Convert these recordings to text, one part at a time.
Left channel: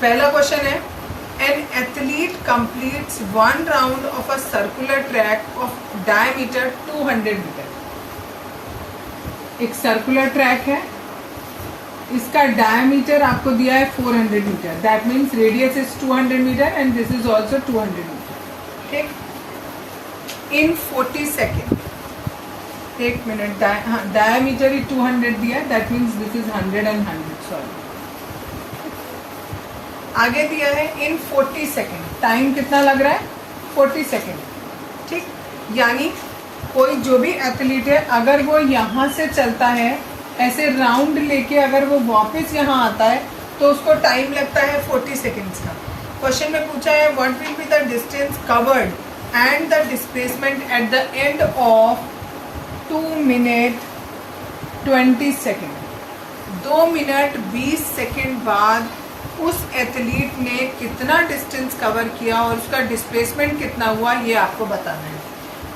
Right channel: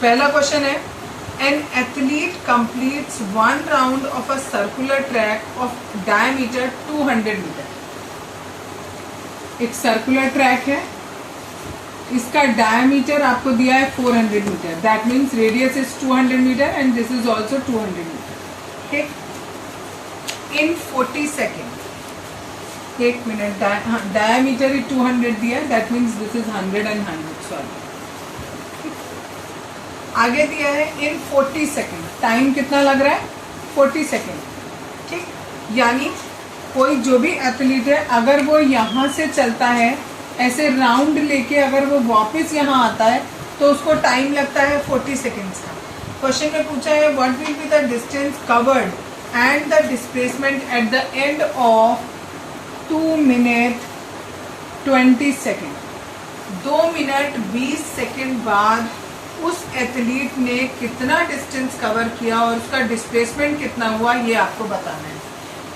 पहला क्वेश्चन है, an athlete completes 1 round of a circular track of diameter 200 metre. एक circular track है, इसका डायमीटर आपको दिया है 400 metre, that means radius is 200 metre and this is also 200 metre. ठीक, इन 40 सेकेंड, एक मिनट, डायमीटर 200 दिया, that means this is 100 and 100, sorry. आगे दिया है इन 40 सेकेंड, टाइम कितना लग रहा है 40 सेकेंड। ठीक, यानी कोई जो भी एथलीट है अगर वो यहाँ से चलता है ऐसे राउंड लेके, अगर वो वापस यहाँ आता है तो उसको टाइम लगता है 40 सेकेंड्स का। क्वेश्चन में पूछा है what will be the distance covered and the displacement at the end of 2 minute 20 second. 2 minute 20 second बाद उस एथलीट ने कितना डिस्टेंस कवर किया और उसका डिस्प्लेसमेंट कितना हुआ, ये आपको बताना है।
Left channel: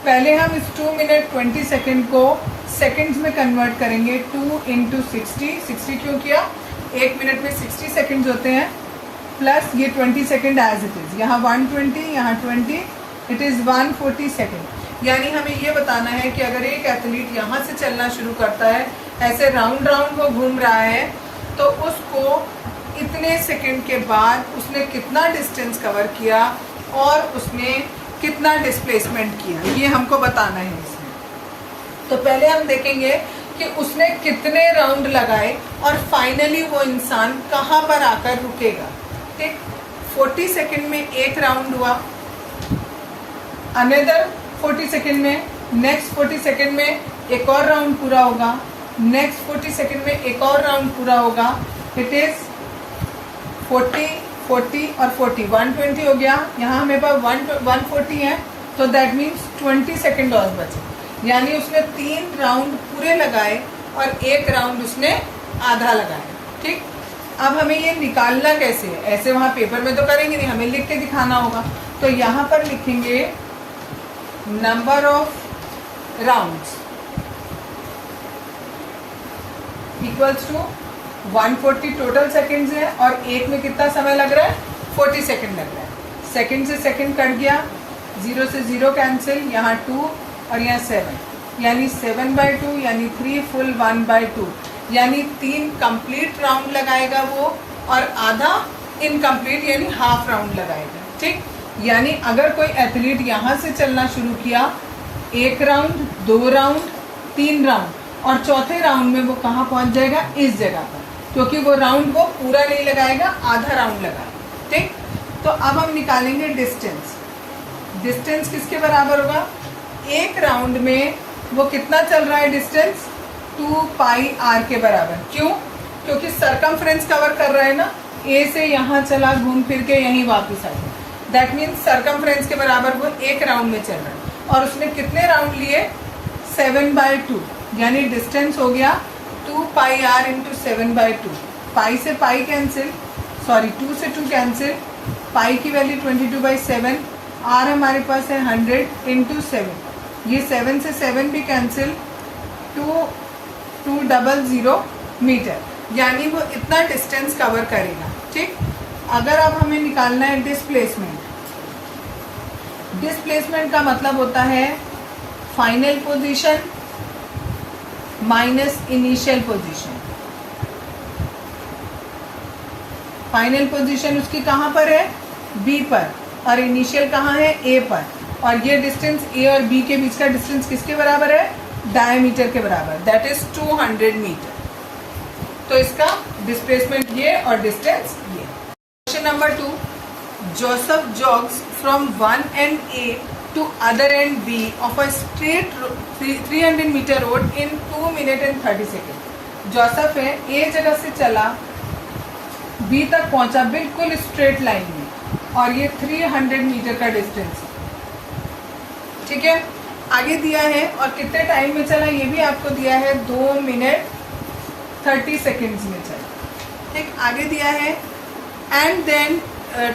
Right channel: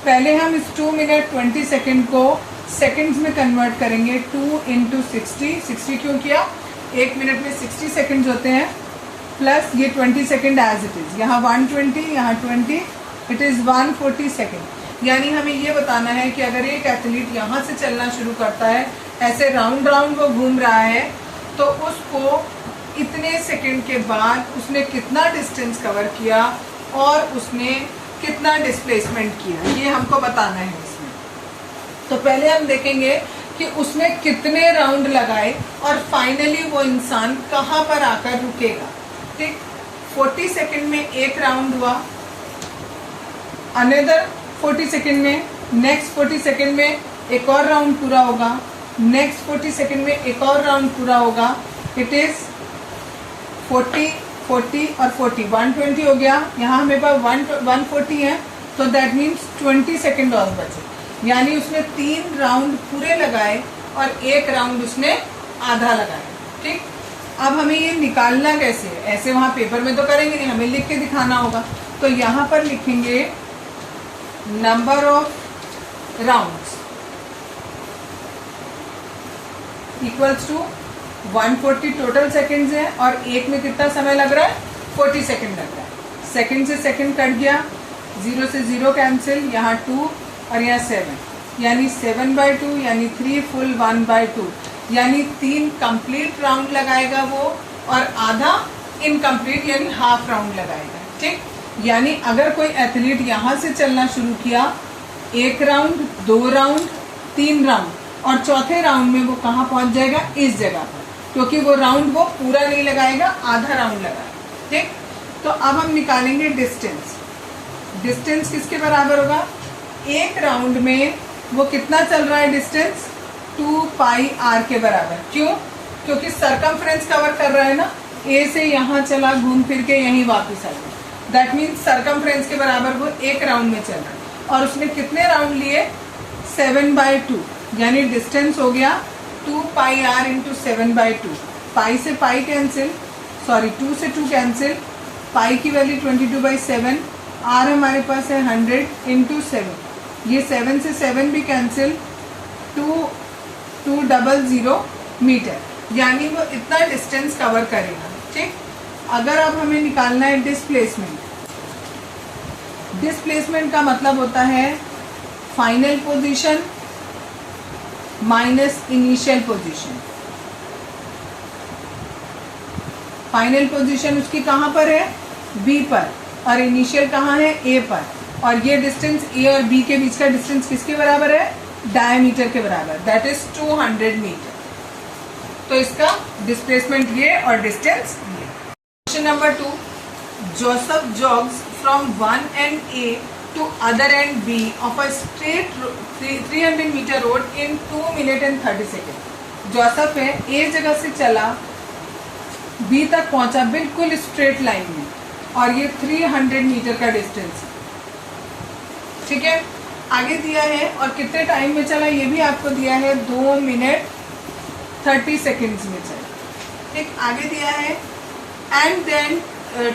पहले हम इस 2 मिनट 20 सेकेंड को सेकेंड्स में कन्वर्ट करेंगे। 2 इंटू 60 क्यों किया, 1 मिनट में 60 सेकेंड्स होते हैं, प्लस ये 20 सेकेंड एज इट इज, यहाँ 120, यहाँ 20, इट इज 140 सेकेंड। यानी हमें ये बताना है कि अगर एक एथलीट यहाँ से चलना शुरू करता है, ऐसे राउंड राउंड वो घूम रहा है, तो उसको इतने सेकंड के बाद उसने कितना डिस्टेंस कवर किया और उसने कितना डिस्प्लेसमेंट किया, ये हमको बताना है इसमें। तो पहले हम देखेंगे कि उसने कितने राउंड लगाए और फाइनली वो इंसान कहाँ पर आकर रुकेगा। ठीक, 40 सेकंड में एक राउंड हुआ, अनदर 40 सेकंड में, नेक्स्ट 40 सेकंड में एक और राउंड पूरा होगा, नेक्स्ट 40 सेकंड में एक और राउंड पूरा होगा। इट इज 40, 40 और 40, 120 हो गया। यहाँ हमें पास 140 है, तो दैट मीन्स 20 सेकेंड और बचे, यानी उसने 3 राउंड पूरे लगाए और एक राउंड उसने आधा लगाया। ठीक, अब हमें ये निकालना कैसे है, ऐसे वहां पेपर में तो करेंगे नहीं, हमें लिख के दिखाना होगा। तो यहाँ पर लिखेंगे number of rounds equals to 140 total seconds है और एक में कितना समय लग रहा है 40 सेकंड लग रहा है। सेकंड से सेकंड कट गया, 0 से 0 कैंसिल, यहाँ 2 और यहाँ 7, यानी 7/2 यानी 3 फुल 1/2, यानी 3 कंप्लीट राउंड लगाएगा वो और आधा इनकम्प्लीट यानी हाफ राउंड लगाएगा। ठीक, यानी अगर कोई एथलीट यहाँ से चलना शुरू किया, 1 राउंड, 2 राउंड, 3 राउंड और चौथे राउंड में वो कहाँ पहुंच जाएगा, इस जगह पर, क्योंकि वो राउंड वो पूरा नहीं लगाएगा, आधा राउंड लगाएगा। ठीक, तो अब हम निकालेंगे डिस्टेंस। डिस्टेंस किसके बराबर होगा, एक राउंड में वो कितना चल रहा है डिस्टेंस, 2πr के बराबर। क्यों, क्योंकि सरकमफ्रेंस कवर कर रहा है ना, ए से यहाँ चला, घूम फिर के यहीं वापस आ गया, दैट मीन्स सरकमफ्रेंस के बराबर वो एक राउंड में चल रहा है। और उसने कितने राउंड लिए, 7/2, यानी डिस्टेंस हो गया 2πr इंटू 7/2। पाई से पाई कैंसिल, सॉरी 2 से 2 कैंसिल, पाई की वैल्यू 22/7, आर हमारे पास है 100 इंटू 7, ये 7 से 7 भी कैंसिल, 200 मीटर, यानी वो इतना डिस्टेंस कवर करेगा। ठीक, अगर अब हमें निकालना है डिस्प्लेसमेंट, डिस्प्लेसमेंट का मतलब होता है final position minus initial position. Final position उसकी कहां पर है, बी पर, और इनिशियल कहां है, ए पर, और ये डिस्टेंस ए और बी के बीच का डिस्टेंस किसके बराबर है, डायमीटर के बराबर, दैट इज 200 मीटर। तो इसका डिस्प्लेसमेंट ये और डिस्टेंस ये। Question number 2, Joseph jogs from one end A to other end B of a straight 300 meter road in 2 minutes and 30 seconds। Joseph है, ए जगह से चला, बी तक पहुंचा बिल्कुल स्ट्रेट लाइन में, और ये 300 मीटर का डिस्टेंस। ठीक है, आगे दिया है और कितने टाइम में चला ये भी आपको दिया है, 2 मिनट 30 सेकेंड्स में चला। ठीक, आगे दिया है and then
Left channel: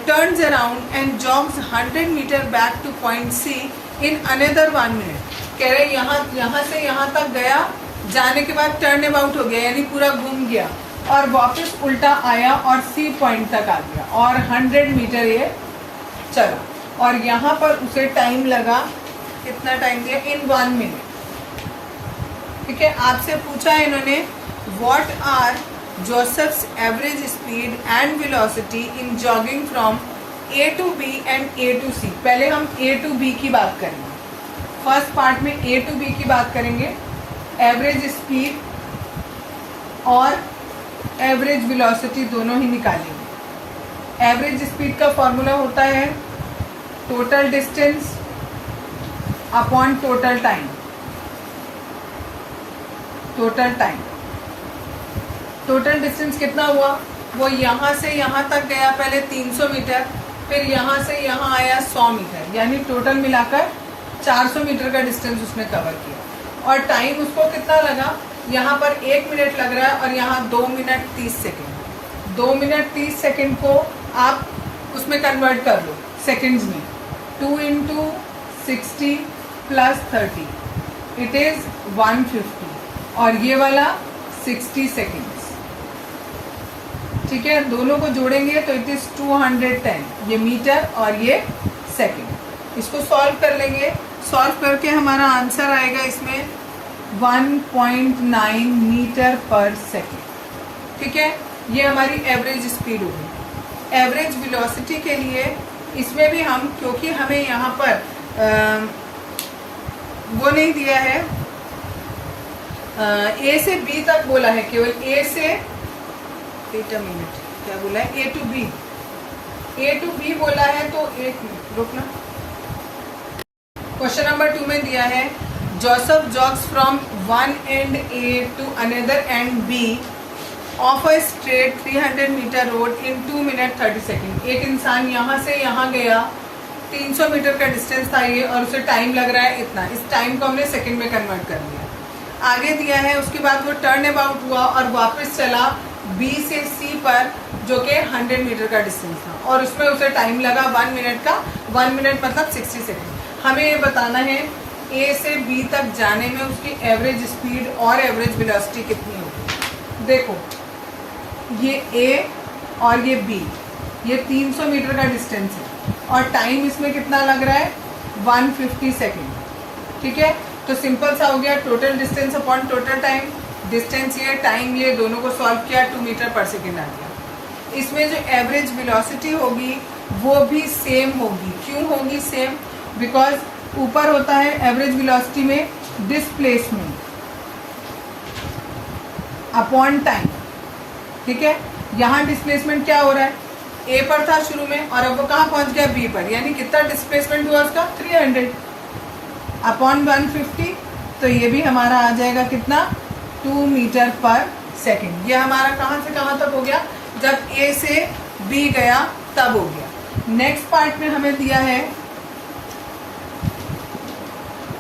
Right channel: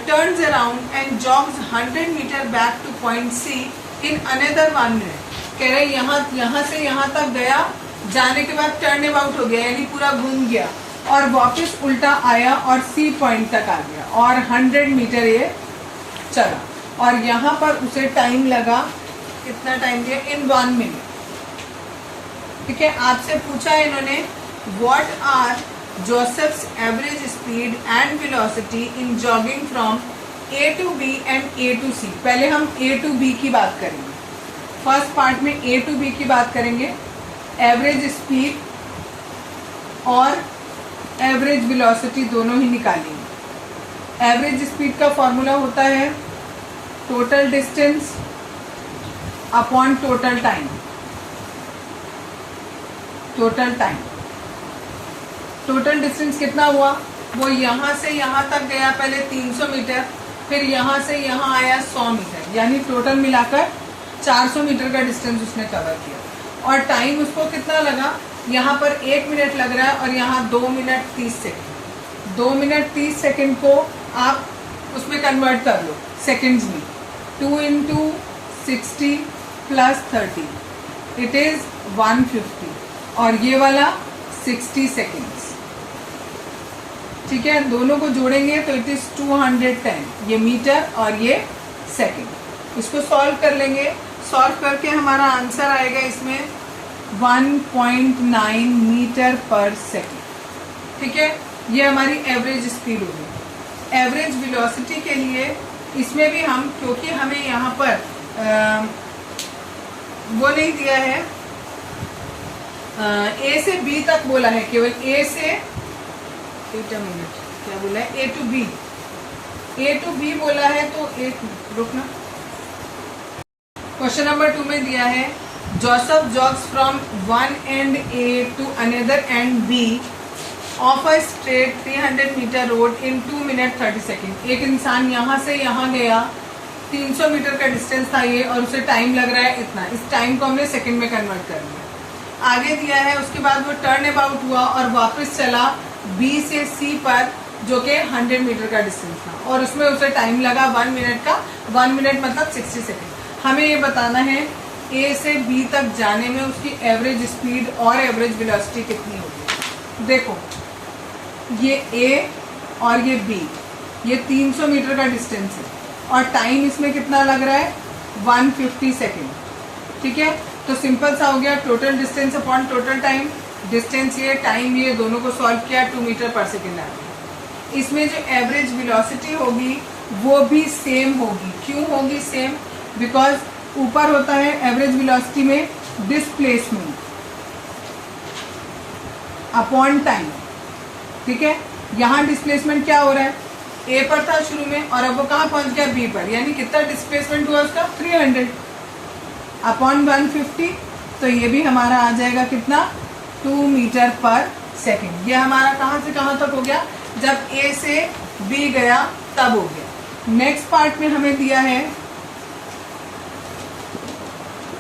turns around and jogs 100 meter back to point C in another 1 minute। कह रहे यहाँ से यहाँ तक गया, जाने के बाद टर्न अबाउट हो गया, यानी पूरा घूम गया, और वापस उल्टा आया और सी पॉइंट तक आ गया और 100 मीटर ये चला और यहाँ पर उसे टाइम लगा, कितना टाइम दिया, इन 1 मिनट। ठीक है, आपसे पूछा है इन्होंने what are Joseph's average speed and velocity in jogging from A to B and A to C. पहले हम ए टू बी की बात करेंगे, फर्स्ट पार्ट में ए टू बी की बात करेंगे, एवरेज स्पीड और एवरेज वेलोसिटी दोनों ही निकालेंगे। एवरेज स्पीड का फॉर्मूला होता है total distance upon total time. Total distance कितना हुआ, वो यहां से यहां तक गया पहले 300 मीटर, फिर यहां से यहां आया 100 मीटर, यानी टोटल मिलाकर 400 मीटर का डिस्टेंस उसने कवर किया। और टाइम उसको कितना लगा, यहाँ पर 1 मिनट लग रहा है और यहाँ 2 मिनट 30 सेकेंड। 2 मिनट 30 सेकेंड को आप उसमें कन्वर्ट कर लो सेकेंड्स में, 2 इंटू 60 प्लस 30 इट इज 150 और ये वाला 60 सेकेंड्स। ठीक है, दोनों को जोड़ेंगे तो इट इज 210, ये मीटर और ये सेकेंड। इसको सॉल्व कर लेंगे, सॉल्व करके हमारा आंसर आएगा इसमें 1.9 मीटर पर सेकेंड। ठीक है, ये हमारी एवरेज स्पीड होगी। एवरेज वेलोसिटी के लिए इसमें भी हम, क्योंकि हमें यहाँ पर वो नहीं दिया है, ए से बी तक बोला है, केवल ए से, एक मिनट क्या बोला है, ए टू बी बोला है, तो एक रुकना, क्वेश्चन नंबर 2 में दिया है Joseph jogs from one end A to another end B of a straight 300 metre road in 2 minute 30 second. एक इंसान यहाँ से यहाँ गया, 300 मीटर का डिस्टेंस था ये और उसे टाइम लग रहा है इतना। इस टाइम को हमने सेकंड में कन्वर्ट कर लिया। आगे दिया है, उसके बाद वो टर्न अबाउट हुआ और वापस चला बी से सी पर, जो कि 100 मीटर का डिस्टेंस था और उसमें उसे टाइम लगा 1 मिनट का। 1 मिनट मतलब 60 सेकेंड। हमें ये बताना है ए से बी तक जाने में उसकी एवरेज स्पीड और एवरेज वेलोसिटी कितनी होगी। देखो, ये ए और ये बी, ये 300 मीटर का डिस्टेंस है और टाइम इसमें कितना लग रहा है, 150 सेकेंड। ठीक है, तो सिंपल सा हो गया, total distance upon total time. Distance ये, टाइम ये, दोनों को सॉल्व किया, 2 मीटर पर सेकेंड आ गया। इसमें जो एवरेज वेलोसिटी होगी वो भी सेम होगी। क्यों होगी सेम, बिकॉज ऊपर होता है एवरेज वेलोसिटी में डिस्प्लेसमेंट अपॉन टाइम। ठीक है, यहाँ डिस्प्लेसमेंट क्या हो रहा है, ए पर था शुरू में और अब वो कहाँ पहुंच गया, बी पर, यानी कितना डिस्प्लेसमेंट हुआ उसका, 300 अपॉन 150। तो ये भी हमारा आ जाएगा कितना, 2 मीटर पर सेकेंड। ये हमारा कहाँ से कहाँ तक हो गया, जब ए से बी गया तब हो गया। नेक्स्ट पार्ट में हमें दिया है,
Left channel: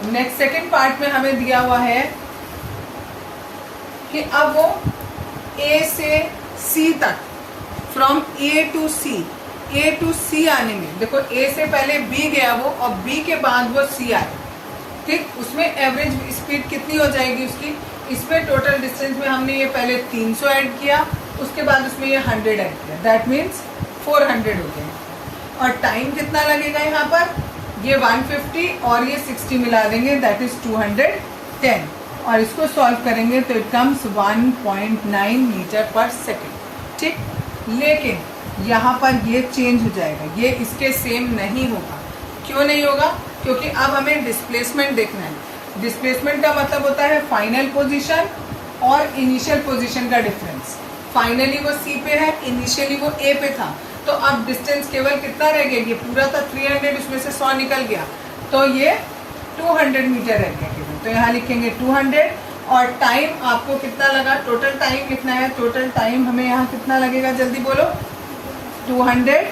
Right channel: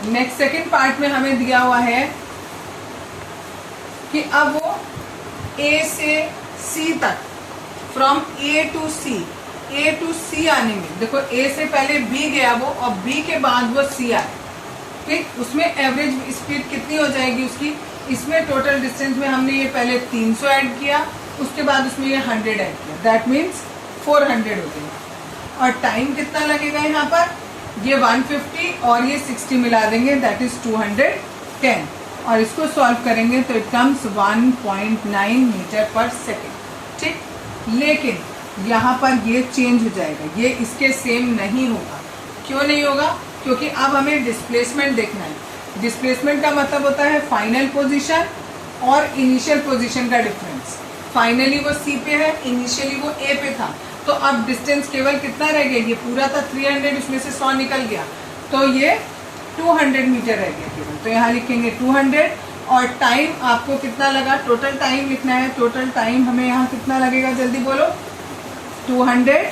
नेक्स्ट सेकेंड पार्ट में हमें दिया हुआ है कि अब वो ए से सी तक, फ्रॉम ए टू सी आने में, देखो ए से पहले बी गया वो और बी के बाद वो सी आए, ठीक, उसमें एवरेज स्पीड कितनी हो जाएगी उसकी। इसमें टोटल डिस्टेंस में हमने ये पहले 300 ऐड किया, उसके बाद उसमें ये 100 ऐड किया, दैट मीन्स 400 होते हैं। और टाइम कितना लगेगा यहाँ पर, ये 150 और ये 60 मिला देंगे, दैट इज 210 और इसको सॉल्व करेंगे तो it comes 1.9 metre per second. ठीक, लेकिन यहाँ पर ये चेंज हो जाएगा, ये इसके सेम नहीं होगा। क्यों नहीं होगा, क्योंकि अब हमें डिस्प्लेसमेंट देखना है। डिस्प्लेसमेंट का मतलब होता है फाइनल पोजीशन और इनिशियल पोजीशन का डिफरेंस। फाइनली वो सी पे है, इनिशियली वो ए पे था, तो अब डिस्टेंस केवल कितना रह गया, ये पूरा था 300, उसमें से 100 निकल गया, तो ये 200 मीटर रह गया केवल। तो यहाँ लिखेंगे 200 और टाइम आपको कितना लगा, टोटल टाइम लिखना है। टोटल टाइम हमें यहाँ कितना लगेगा, जल्दी बोलो, 210।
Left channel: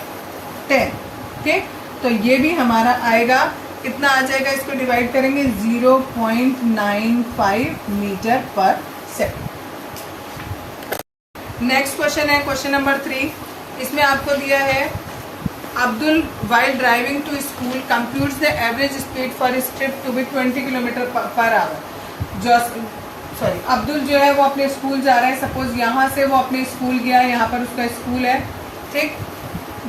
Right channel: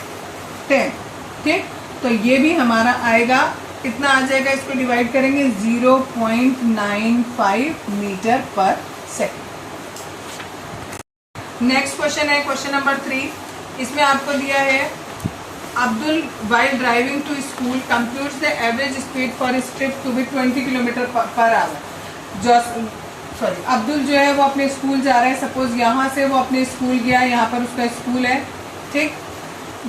ठीक, तो ये भी हमारा आएगा, कितना आ जाएगा, इसको डिवाइड करेंगे 0.95 metre per second. Next question है क्वेश्चन नंबर 3। इसमें आपको दिया है Abdul while driving to school computes the average speed for his trip to be 20 kilometre per our. Sorry Abdul जो है वो अपने स्कूल जा रहा है। सपोज यहाँ से वो अपने स्कूल गया, यहाँ पर उसका स्कूल है, ठीक।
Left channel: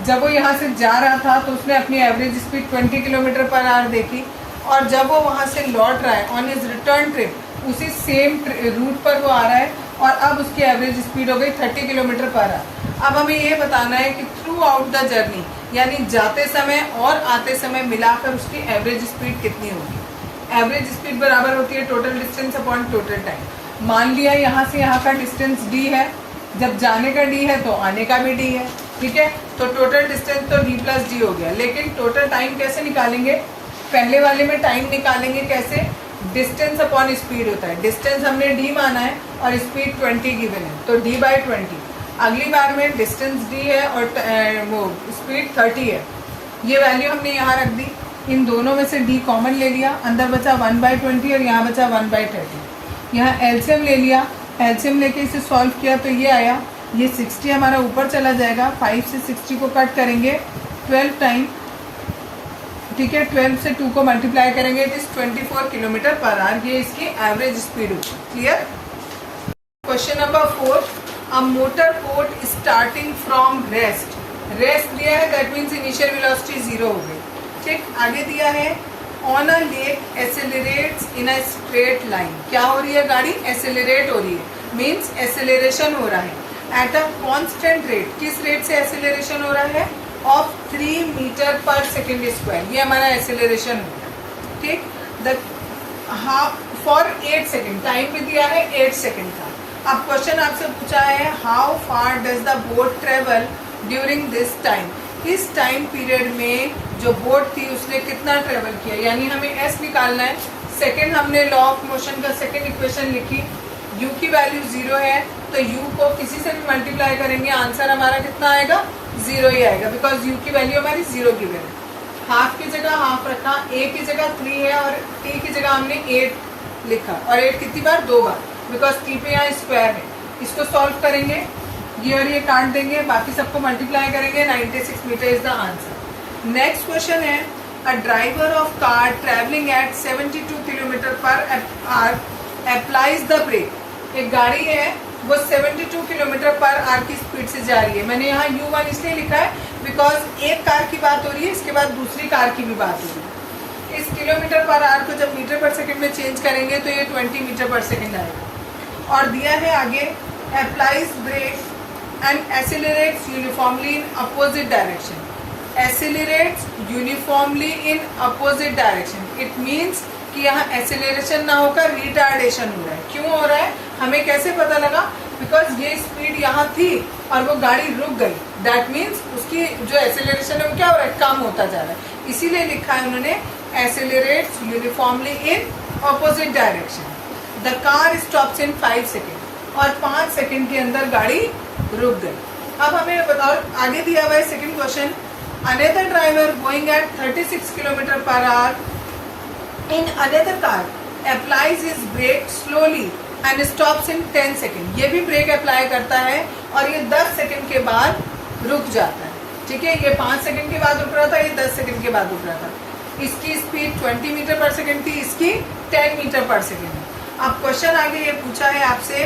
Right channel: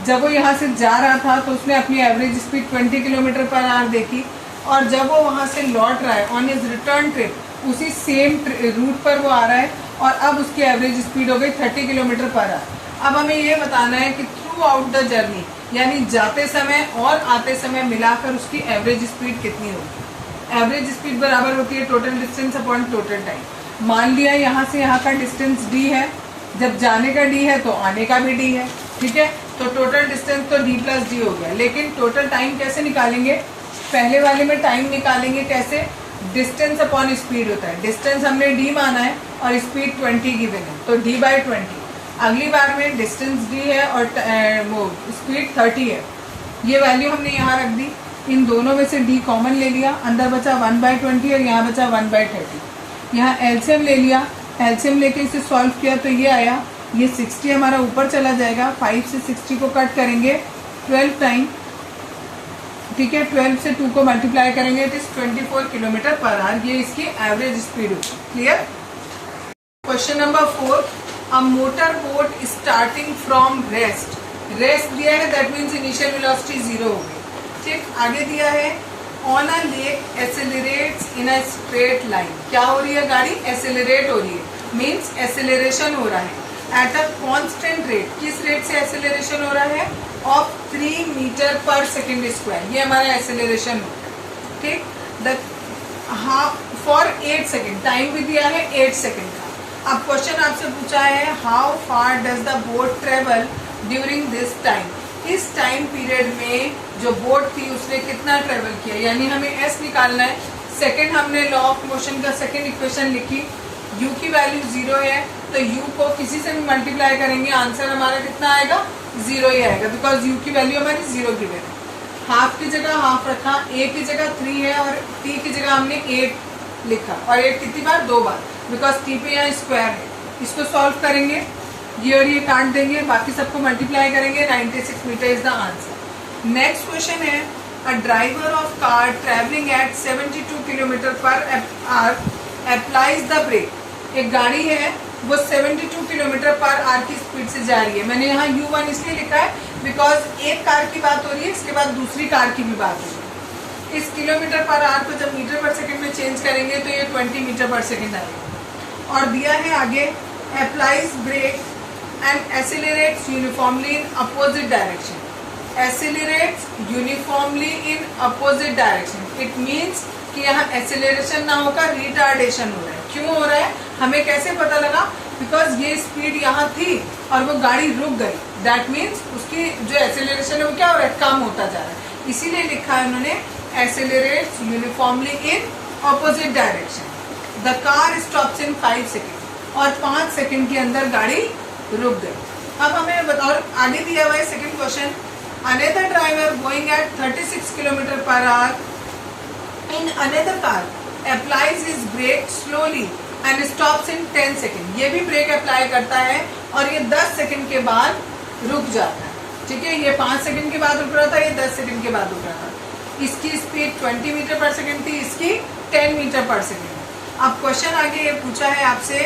जब वो यहाँ से जा रहा था तो उसने अपनी average speed 20 kilometre per our देखी, और जब वो वहाँ से लौट रहा है ऑन हिज रिटर्न ट्रिप, उसी सेम रूट पर वो आ रहा है और अब उसकी एवरेज स्पीड हो गई 30 किलोमीटर पर आवर। अब हमें ये बताना है कि थ्रू आउट द जर्नी, यानी जाते समय और आते समय मिलाकर उसकी एवरेज स्पीड कितनी होगी। एवरेज स्पीड बराबर होती है total distance upon total time. मान लिया यहाँ से यहाँ का डिस्टेंस d है, जब जाने का d है तो आने का भी d है, ठीक है। तो टोटल डिस्टेंस तो d प्लस डी हो गया, लेकिन टोटल टाइम कैसे निकालेंगे? पहले वाले में टाइम निकालेंगे कैसे? डिस्टेंस अपॉन स्पीड होता है। डिस्टेंस हमने d माना है और स्पीड 20 गिवन है, तो d/20। अगली बार में डिस्टेंस d है और वो स्पीड 30 है, ये वैल्यू हमने यहाँ रख दी। इन दोनों में से d कॉमन ले लिया, अंदर बचा 1/20 और यहाँ बचा 1/30। यहाँ एलसीएम ले लिया, एलसीएम लेके इसे सॉल्व किया तो ये आया, ये 60 हमारा ऊपर चला जाएगा। 5 से 60 को कट करेंगे 12 टाइम, ठीक है। 12 से 2 को मल्टीप्लाई करेंगे तो 24 किलोमीटर पर आवर, ये इसकी एवरेज स्पीड होगी। Clear? Question number 4, a motor boat starting from rest. Rest दिया है, दैट मीन्स इनिशियल वेलोसिटी 0 हो गई, ठीक। आगे दिया है on a lake accelerates in a straight line. क्या हो रही है? गाड़ी एसेलरेट हो रही है, मीन्स एसेलरेशन हो रहा है एट अ कांस्टेंट रेट। किस रेट से एसेलरेशन हो रहा है? Of 3 metre per second square, ये हमारा एसेलरेशन हो गया, ठीक। The half for 8 second, time भी दिया है 8 सेकेंड का। अब क्वेश्चन आपसे पूछा है how far does the boat travel during this time. इस टाइम पीरियड में जो बोट थी उसने कितना ट्रेवल किया, यानी हमें एस निकालना है। सेकेंड हमने लॉ ऑफ मोशन का सेकेंड इक्वेशन लिखी, u की वैल्यू 0 है तो u को किसी से भी मल्टीप्लाई करेंगे, आंसर हमारा कितना आएगा? 0 ही आएगा, बिकॉज u की वैल्यू हमारी 0 गिवन है। हाफ की जगह हाफ रखा, a की जगह 3 है और t की जगह हमने 8 लिखा, और 8 कितनी बार? 2 बार, बिकॉज t पे यहाँ स्क्वायर है। इसको सॉल्व करेंगे, ये और ये काट देंगे, बाकी सबको मल्टीप्लाई करेंगे, 96 metre is the answer. Next question है, a driver of car travelling at 72 kilometre per hour applies the brake. एक गाड़ी है वो 72 किलोमीटर पर आवर की स्पीड से जा रही है। मैंने यहाँ U1 इसलिए लिखा है बिकॉज एक कार की बात हो रही है, इसके बाद दूसरी कार की भी बात हो रही है। इस किलोमीटर पर आवर को जब मीटर पर सेकंड में चेंज करेंगे तो ये 20 मीटर पर सेकंड आएगा। और दिया है आगे applies brake and accelerates uniformly in opposite direction. Accelerates uniformly in opposite direction, it means कि यहाँ एसिलरेशन ना होकर रिटार्डेशन हो रहा है। क्यों हो रहा है? हमें कैसे पता लगा? बिकॉज ये स्पीड यहाँ थी और वो गाड़ी रुक गई, दैट मीन्स उसकी जो एसिलरेशन है वो क्या हो रहा है? कम होता जा रहा है। इसीलिए लिखा है उन्होंने accelerates uniformly in opposite direction. The car stops in 5 second, और 5 सेकेंड के अंदर गाड़ी रुक गई। अब हमें बताओ, आगे दिया हुआ है second question, another driver going at 36 kilometre per our in another car applies his brake slowly and stops in 10 second. ये भी ब्रेक अप्लाई करता है और ये 10 सेकेंड के बाद रुक जाता है, ठीक है। ये 5 सेकेंड के बाद रुक रहा था, ये 10 सेकेंड के बाद रुक रहा था। इसकी स्पीड 20 मीटर पर सेकेंड थी, इसकी 10 मीटर पर सेकेंड है। अब क्वेश्चन आगे ये पूछा है आपसे,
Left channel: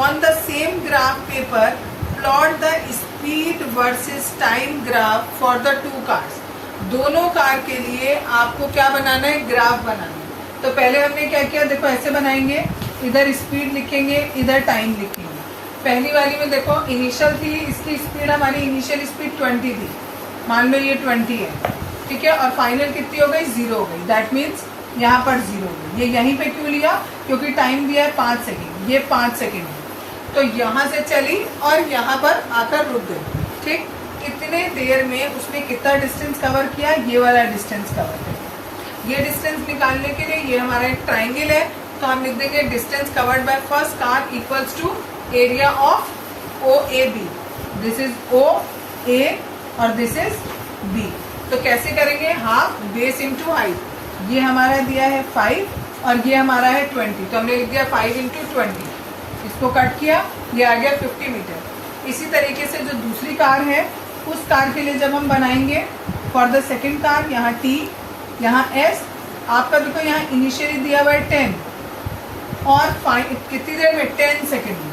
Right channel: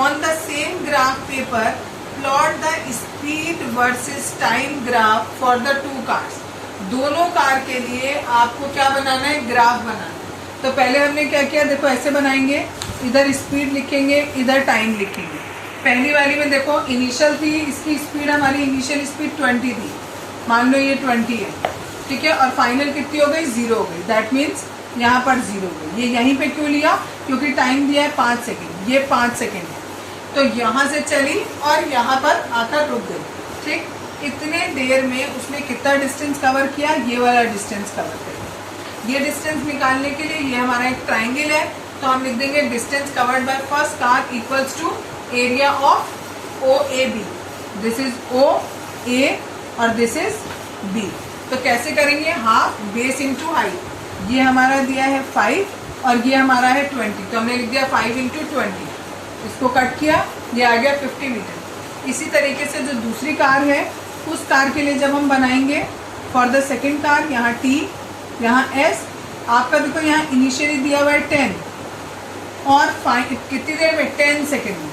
on the same graph paper plot the speed versus time graph for the 2 cars. दोनों कार के लिए आपको क्या बनाना है? ग्राफ बनाना है। तो पहले हमने क्या किया, देखो ऐसे बनाएंगे, इधर स्पीड लिखेंगे, इधर टाइम लिखेंगे। पहली वाली में देखो इनिशियल थी, इसकी स्पीड हमारी इनिशियल स्पीड 20 थी, मान लो ये 20 है, ठीक है। और फाइनल कितनी हो गई? 0 हो गई, दैट मीन्स यहाँ पर 0 हो गई। ये यहीं पे क्यों लिया? क्योंकि टाइम दिया है 5 सेकेंड, ये 5 सेकेंड है, तो यहाँ से चली और यहाँ पर आकर रुक गई, ठीक। इतने देर में उसने कितना डिस्टेंस कवर किया? ये वाला डिस्टेंस कवर किया। ये डिस्टेंस निकालने के लिए ये हमारा एक ट्राइंगल है, तो हम लिख देंगे distance covered by first car equals to area of OAB। This is OA और दिस इज B। तो कैसे करेंगे? Half base into height. ये हमारा दिया है 5 और ये हमारा है 20, तो हमने लिख दिया 5 इंटू 20। इसको कट किया, ये आ गया 50 मीटर। इसी तरीके से जो दूसरी कार है उस कार के लिए जब हम बनाएंगे फॉर द सेकेंड कार, यहाँ T, यहाँ S, आपका देखो यहाँ इनिशियली दिया हुआ है 10, और कितनी देर में, 10 सेकेंड में,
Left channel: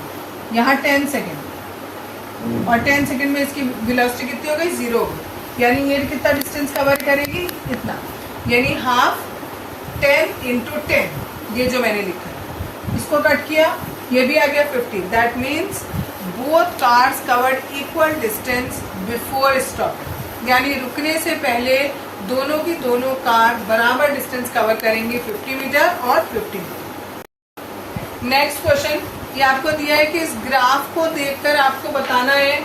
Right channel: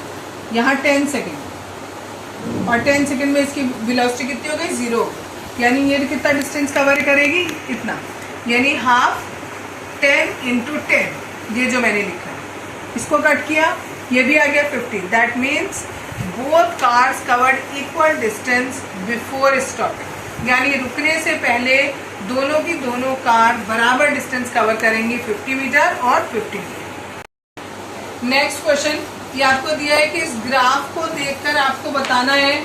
यहाँ 10 सेकेंड, और 10 सेकेंड में इसकी वेलोसिटी कितनी हो गई, 0 हो गई। यानी ये कितना डिस्टेंस कवर करेगी, इतना, यानी हाफ 10 इंटू 10, ये जो मैंने लिखा है, इसको कट किया, ये भी आ गया 50। That means both cars covered equal distance before stop, यानी रुकने से पहले दोनों की दोनों कार बराबर डिस्टेंस कवर करेंगी, 50 मीटर और 50 मीटर। नेक्स्ट क्वेश्चन, ये आपको दिया है कि इस ग्राफ को देखकर आपको बताना है,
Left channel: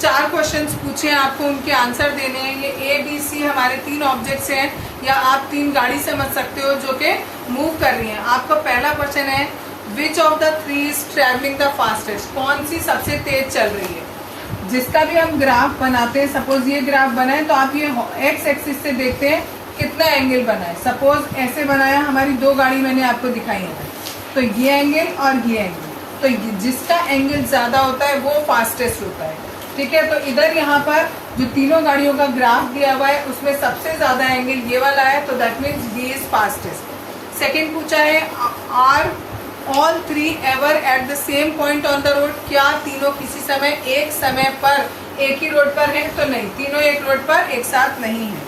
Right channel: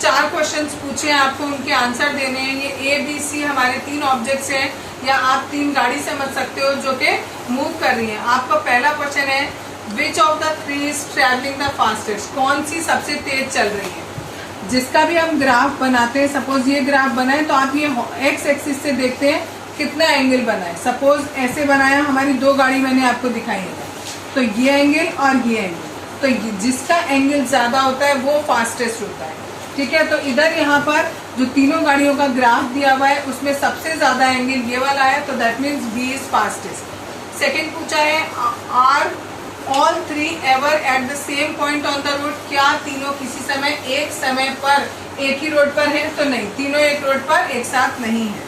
4 क्वेश्चंस पूछे हैं आपको, उनके आंसर देने हैं। ये A, B, C हमारे 3 ऑब्जेक्ट्स हैं, या आप 3 गाड़ी समझ सकते हो जो कि मूव कर रही हैं। आपका पहला क्वेश्चन है, विच of the 3 is travelling the fastest, कौन सी सबसे तेज चल रही है। जिसका भी हम ग्राफ बनाते हैं, सपोज ये ग्राफ बना है, तो आप ये एक्स एक्सिस से देखते हैं कितना एंगल बना है। सपोज ऐसे बनाया, हमारी 2 गाड़ी मैंने आपको दिखाई है, तो ये एंगल और ये एंगल, तो जिसका एंगल ज्यादा होता है वो फास्टेस्ट होता है। ठीक है, तो इधर यहाँ पर जो तीनों गाड़ियों का ग्राफ दिया हुआ है, उसमें सबसे ज्यादा एंगल ये वाला है, तो that means B is fastest. Second पूछा है, are all 3 ever at the same point on the road, क्या तीनों किसी समय एक समय पर एक ही रोड पर है, तो नहीं, तीनों एक रोड पर एक साथ नहीं है।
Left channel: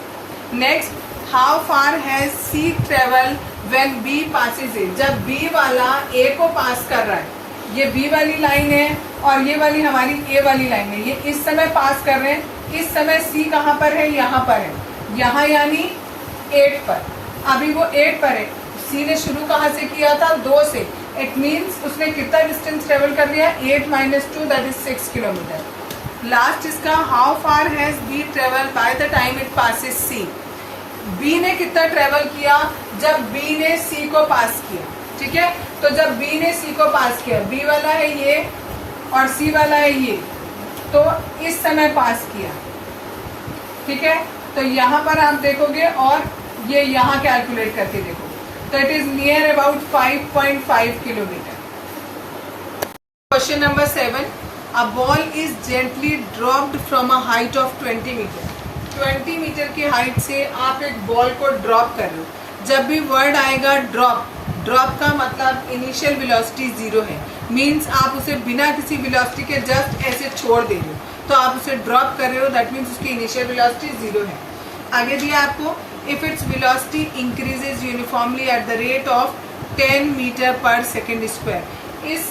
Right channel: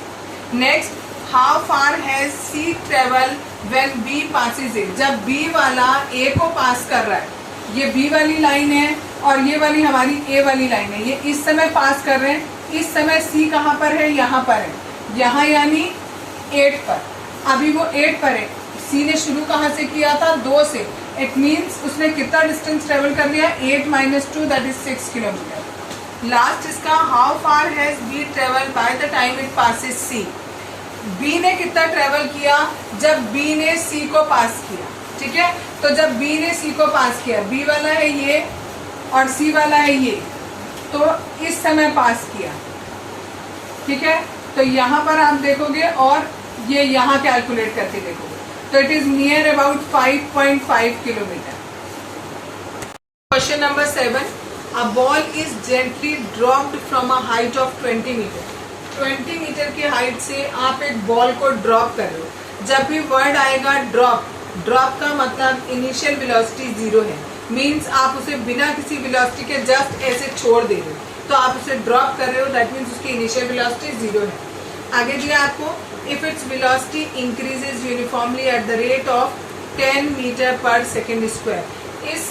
Next, how far has C travel when B passes A, जब बी वाला ए को पास कर रहा है, ये बी वाली लाइन है और ये वाली हमारी ए वाली लाइन है, ये इस समय पास कर रहे हैं। इस समय सी कहाँ पर है, यहाँ पर है, यहाँ यानी 8 पर, अभी वो 8 पर है। सी ने शुरू कहाँ से किया था, 2 से, इट मीन्स उसने कितना डिस्टेंस ट्रेवल कर लिया, 8 - 2 दैट इज 6 किलोमीटर। लास्ट इसका, how far has B travel by the time it passes C, B ने कितना ट्रेवल किया जब बी ने सी को पास किया। ठीक है, तो जब बी ने सी को पास किया, बी वाला है ये और सी वाला है ये, तो इस समय पास किया। ठीक है, तो यहाँ पर आप देखोगे और ये यहाँ कैलकुलेट करके देखोगे, तो it is near about 5.5 kilometre. Question number 7, a ball is gently dropped from a height of 20 metre, 20 metre की हाइट से आप एक बॉल को ड्रॉप कर रहे हो। जब भी वर्ड आएगा ड्रॉप, ड्रॉप का मतलब इनिशियल वेलोसिटी 0 है, मींस आप उसे बिना किसी वेलोसिटी के जस्ट ऐसे छोड़ दे रहे हो, तो आप उसे ड्रॉप कर रहे हो, दैट मीन्स उसकी इनिशियल वेलोसिटी 0 है। आगे दिया आपको, if its velocity increases uniformly at the rate of 10 metre per second square, इस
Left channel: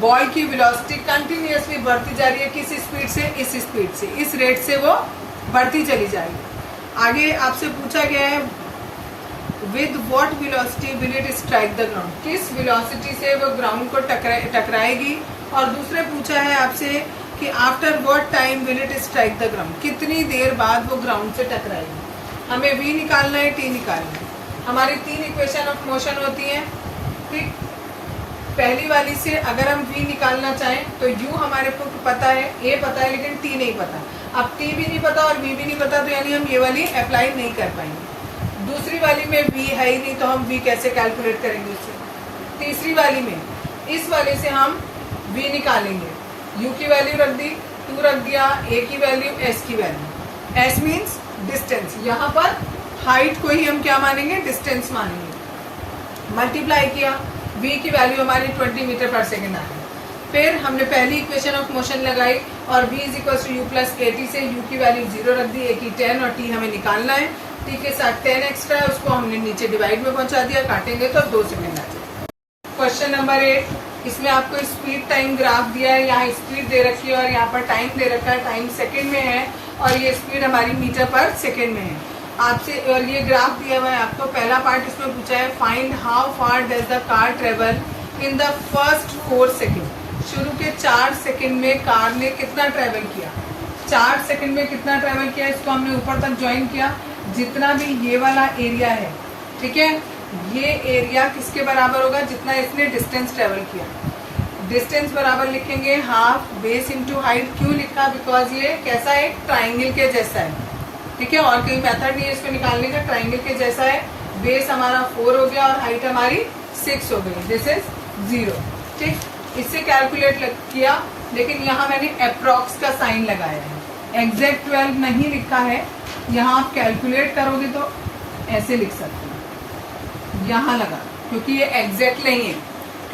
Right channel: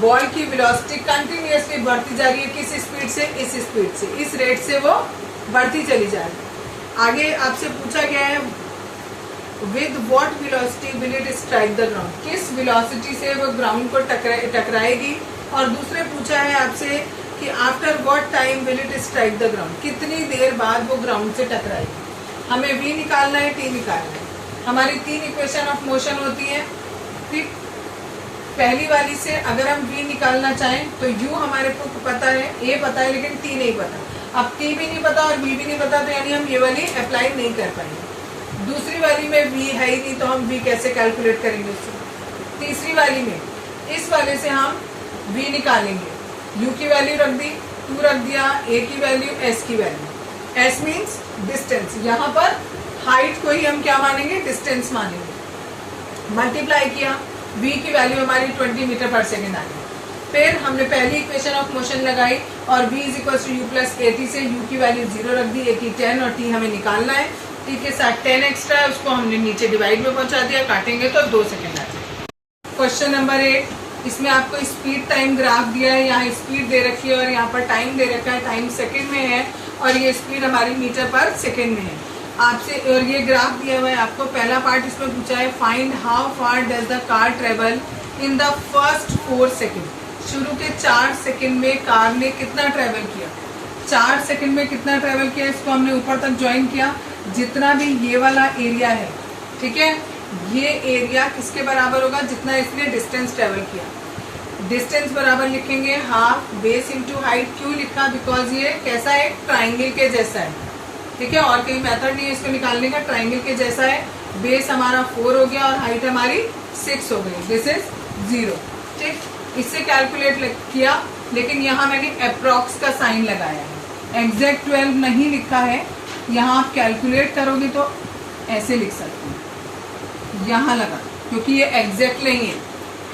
बॉल की वेलोसिटी कंटिन्यूअसली बढ़ती जा रही है, किस स्पीड से, इस स्पीड से, इस रेट से वो बढ़ती चली जाएगी। आगे आपसे पूछा गया है, with what velocity will it strike the ground, किस वेलोसिटी से वो ग्राउंड को टकराएगी। और दूसरे पूछा है आपसे कि after what time will it strike the ground, कितनी देर बाद वो ग्राउंड से टकराएगी। हमें v निकालना है, t निकालना है। हमारी 3 इक्वेशन ऑफ मोशन होती है। ठीक, पहली वाली से अगर हम v निकालना चाहें तो u हमारे को पता है, a पता है, लेकिन t नहीं पता। अब t भी नहीं पता और v भी नहीं पता, तो यानी हम ये वाली अप्लाई नहीं कर पाएंगे। दूसरी वाली में v है ही नहीं, तो हम v कैसे कैलकुलेट करेंगे उससे। तीसरी वाली में इस वाले से हम v निकालेंगे, u की वैल्यू रख दी, 2 रख दिया, a की वैल्यू, s की वैल्यू। s मीन्स डिस्टेंस, यहाँ पर हाइट को ही हम क्या मानेंगे, डिस्टेंस मानेंगे। मल्टीप्लाई किया, v की वैल्यू हमारी 20 मीटर पर सेकेंड आई। फिर हमने पहली इक्वेशन ऑफ मोशन लगाई और v is equal to u plus at से u की वैल्यू 0 रख दी, at 10 और t हमें निकालना है। t के साथ 10 एक्स्ट्रा है, उसको हमने नीचे डिवाइड में पहुंचा दिया, काटेंगे तो 2 सेकेंड आएगा। क्वेश्चन नंबर 8, इसमें आपको स्पीड टाइम ग्राफ दिया है, यहाँ स्पीड दे रखी है और यहाँ पर टाइम दे रखा है, टाइम सेकेंड में है और ये स्पीड हमारी मीटर पर सेकेंड में है आपसे, और ये ग्राफ दिया हुआ है आपको। पहला पार्ट इसमें पूछा है, find how far does the car travel in the first 4 second, शुरू के 4 सेकेंड में कार ने कितना ट्रेवल किया। 4 सेकेंड में कितना ट्रेवल किया, इसको हमने ऊपर तक ज्वाइन किया, जितना भी ये वाला एरिया है, ठीक है, ये एरिया किसके बराबर होगा, जितना इसने डिस्टेंस ट्रेवल किया। डिस्टेंस बराबर लिखेंगे हाफ बेस इंटू हाइट। क्यों लिखा, बिकॉज ये कैसा है, ट्राइंगल के जैसा है। ठीक है, और कोई मेथड नहीं है इसको निकालने का, ट्राइंगल के जैसा है। बेस हमारा 4 हो गया और हाइट हमारी 6 हो गई, दिस इज 0। ठीक, इससे कैलकुलेट किया, लेकिन यहाँ मैंने अप्रॉक्स का साइन लगाया है, एग्जैक्ट 12 नहीं लिखा है। यहाँ आप कैलकुलेट करोगे तो ऐसे लिख सकते हैं, यहाँ लगा, क्योंकि ये एग्जैक्ट नहीं है।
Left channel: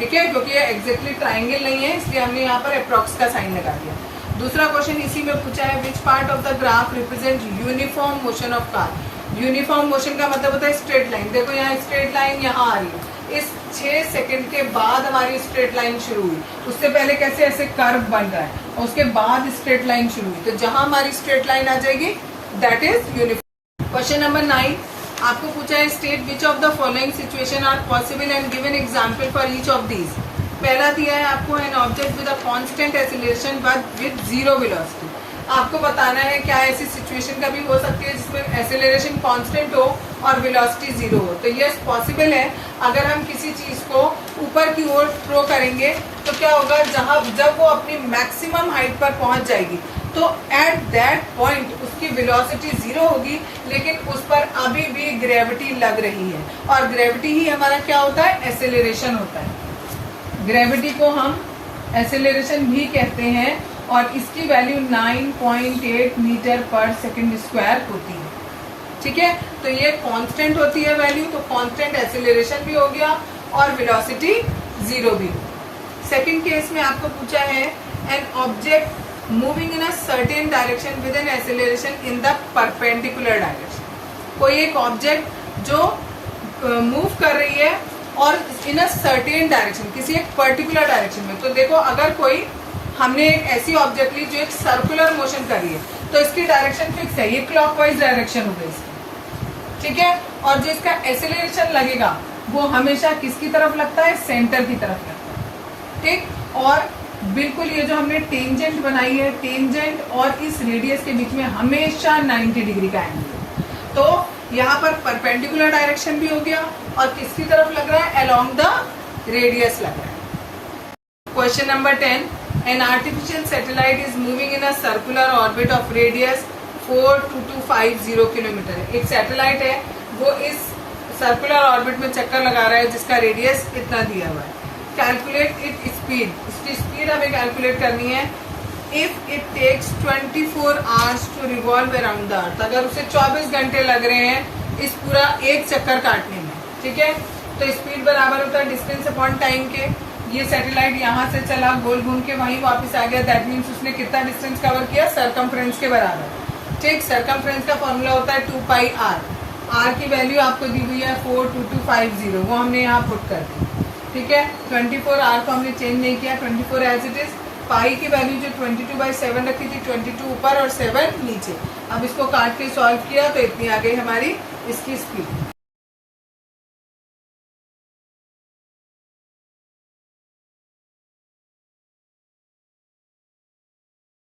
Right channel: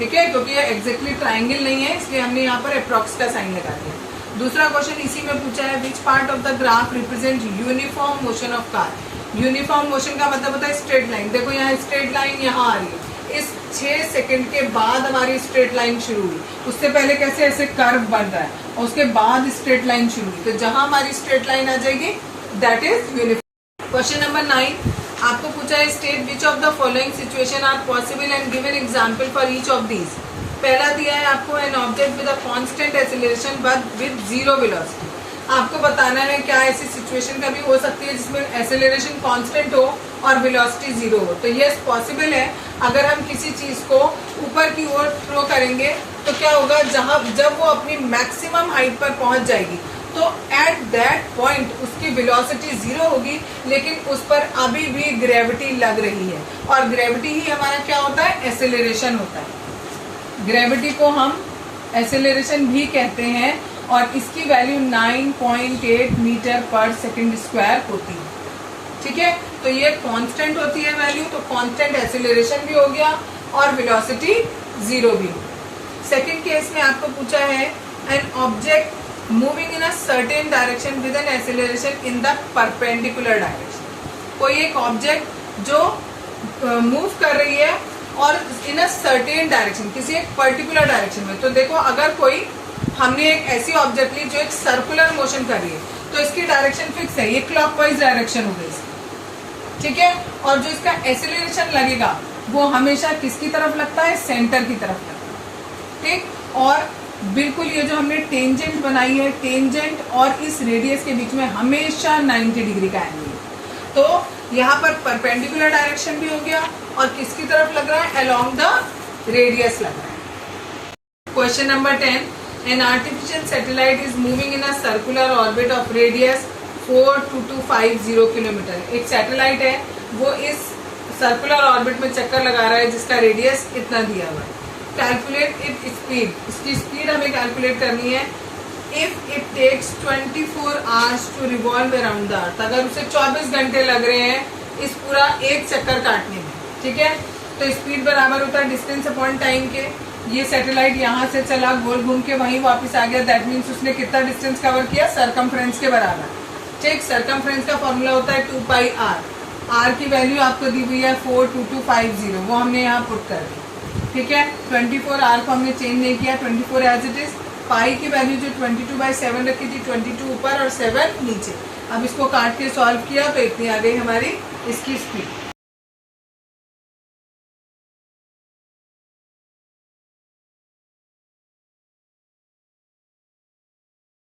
ठीक है, क्योंकि ये एग्जैक्टली ट्राइंगल नहीं है इसलिए हमने यहाँ पर अप्रॉक्स का साइन लगा दिया। दूसरा क्वेश्चन इसी में पूछा है, which part of the graph represent uniform motion of car. Uniform motion का मतलब होता है स्ट्रेट लाइन। देखो यहाँ स्ट्रेट लाइन यहाँ आ रही है, इस 6 सेकंड के बाद हमारी स्ट्रेट लाइन शुरू हुई, उससे पहले कैसे ऐसे कर्व बन रहा है और उसके बाद स्ट्रेट लाइन शुरू हुई, तो जहां हमारी स्ट्रेट लाइन आ जाएगी that is uniform. Question number 9 आपको पूछा है, state which of the following situation are possible and give an example for each of these. पहला दिया है आपको, an object with a constant acceleration but with zero velocity. आपको बताना है क्या ऐसी सिचुएशन कभी हो सकती है जिसमें एक्सेलरेशन कांस्टेंट हो और वेलोसिटी जीरो हो। तो यस पॉसिबल है। अगर हम किसी चीज को ऊपर की ओर थ्रो करेंगे तो क्या होगा, जब वो अपनी मैक्सिमम हाइट पर पहुंच जाएगी तो एट दैट पॉइंट उसकी वेलोसिटी जीरो होगी, लेकिन उस पर अभी भी ग्रेविटी लग रही है और ग्रेविटी ही हमारा क्या होता है, एक्सेलरेशन होता है। ग्रेविटी को हम एक्सेलरेशन भी कहते हैं और इसकी वैल्यू 9.8 मीटर पर सेकंड स्क्वायर होती है। ठीक है, तो ये कांस्टेंट होती है वैल्यू, तो कांस्टेंट एक्सेलरेशन भी हो गया और वेलोसिटी जीरो भी। सेकंड केस में आपको पूछा है, an object moving in a certain direction with an acceleration in the perpendicular direction. कोई एक ऑब्जेक्ट जो मूव कर रही है और इन अ सर्टेन डायरेक्शन, किसी एक पर्टिकुलर डायरेक्शन में। तो देखो अगर कोई हमने एक ऐसी ऑब्जेक्ट ली जो एक सर्कुलर मोशन कर रही है तो इसकी डायरेक्शन फिक्स है, ये क्लॉकवाइज डायरेक्शन हो गई इसकी। ठीक है, और जो इसका एक्सेलरेशन लगेगा वो हमेशा किसकी तरफ लगता है, सेंटर की तरफ लगता है। ठीक, और बिल्कुल ये जो हमने टेंजेंट बनाई है, टेंजेंट और इस रेडियस के बीच में हमेशा 90 डिग्री का एंगल है। तो यहाँ पर परपेंडिकुलर डायरेक्शन भी हो गया और किसकी तरफ लग रहा है, अलोंग द रेडियस लग रहा है। Question number 10, an artificial satellite is moving in a circular orbit of radius 42250 kilometre. एक सैटेलाइट है वो इस सर्कुलर ऑर्बिट में चक्कर लगा रहा है जिसका रेडियस इतना दिया हुआ है। कैलकुलेट इट स्पीड, इसकी स्पीड हमें कैलकुलेट करनी है। If it takes 24 hours to revolve around the earth, अगर उसे 24 घंटे लग रहे हैं इस पूरा एक चक्कर काटने में, ठीक है, तो स्पीड बराबर होता है डिस्टेंस अपॉन टाइम के। ये सैटेलाइट यहाँ से चला, गोल घूम के वहीं वापस आ गया, दैट मीन्स उसने कितना डिस्टेंस कवर किया, सरकमफ्रेंस के बराबर। ठीक, सरकमफ्रेंस का फॉर्मूला होता है 2πr। r की वैल्यू आपको दी हुई है 42250, वो हमने यहाँ पुट कर दी। ठीक है, 24r को हमने चेंज नहीं किया, 24 एज इट इज। पाई की वैल्यू जो 22/7 रखी थी, 22 ऊपर और 7 नीचे। अब इसको काट के सॉल्व किया तो इतनी आ गई हमारी इसकी स्पीड।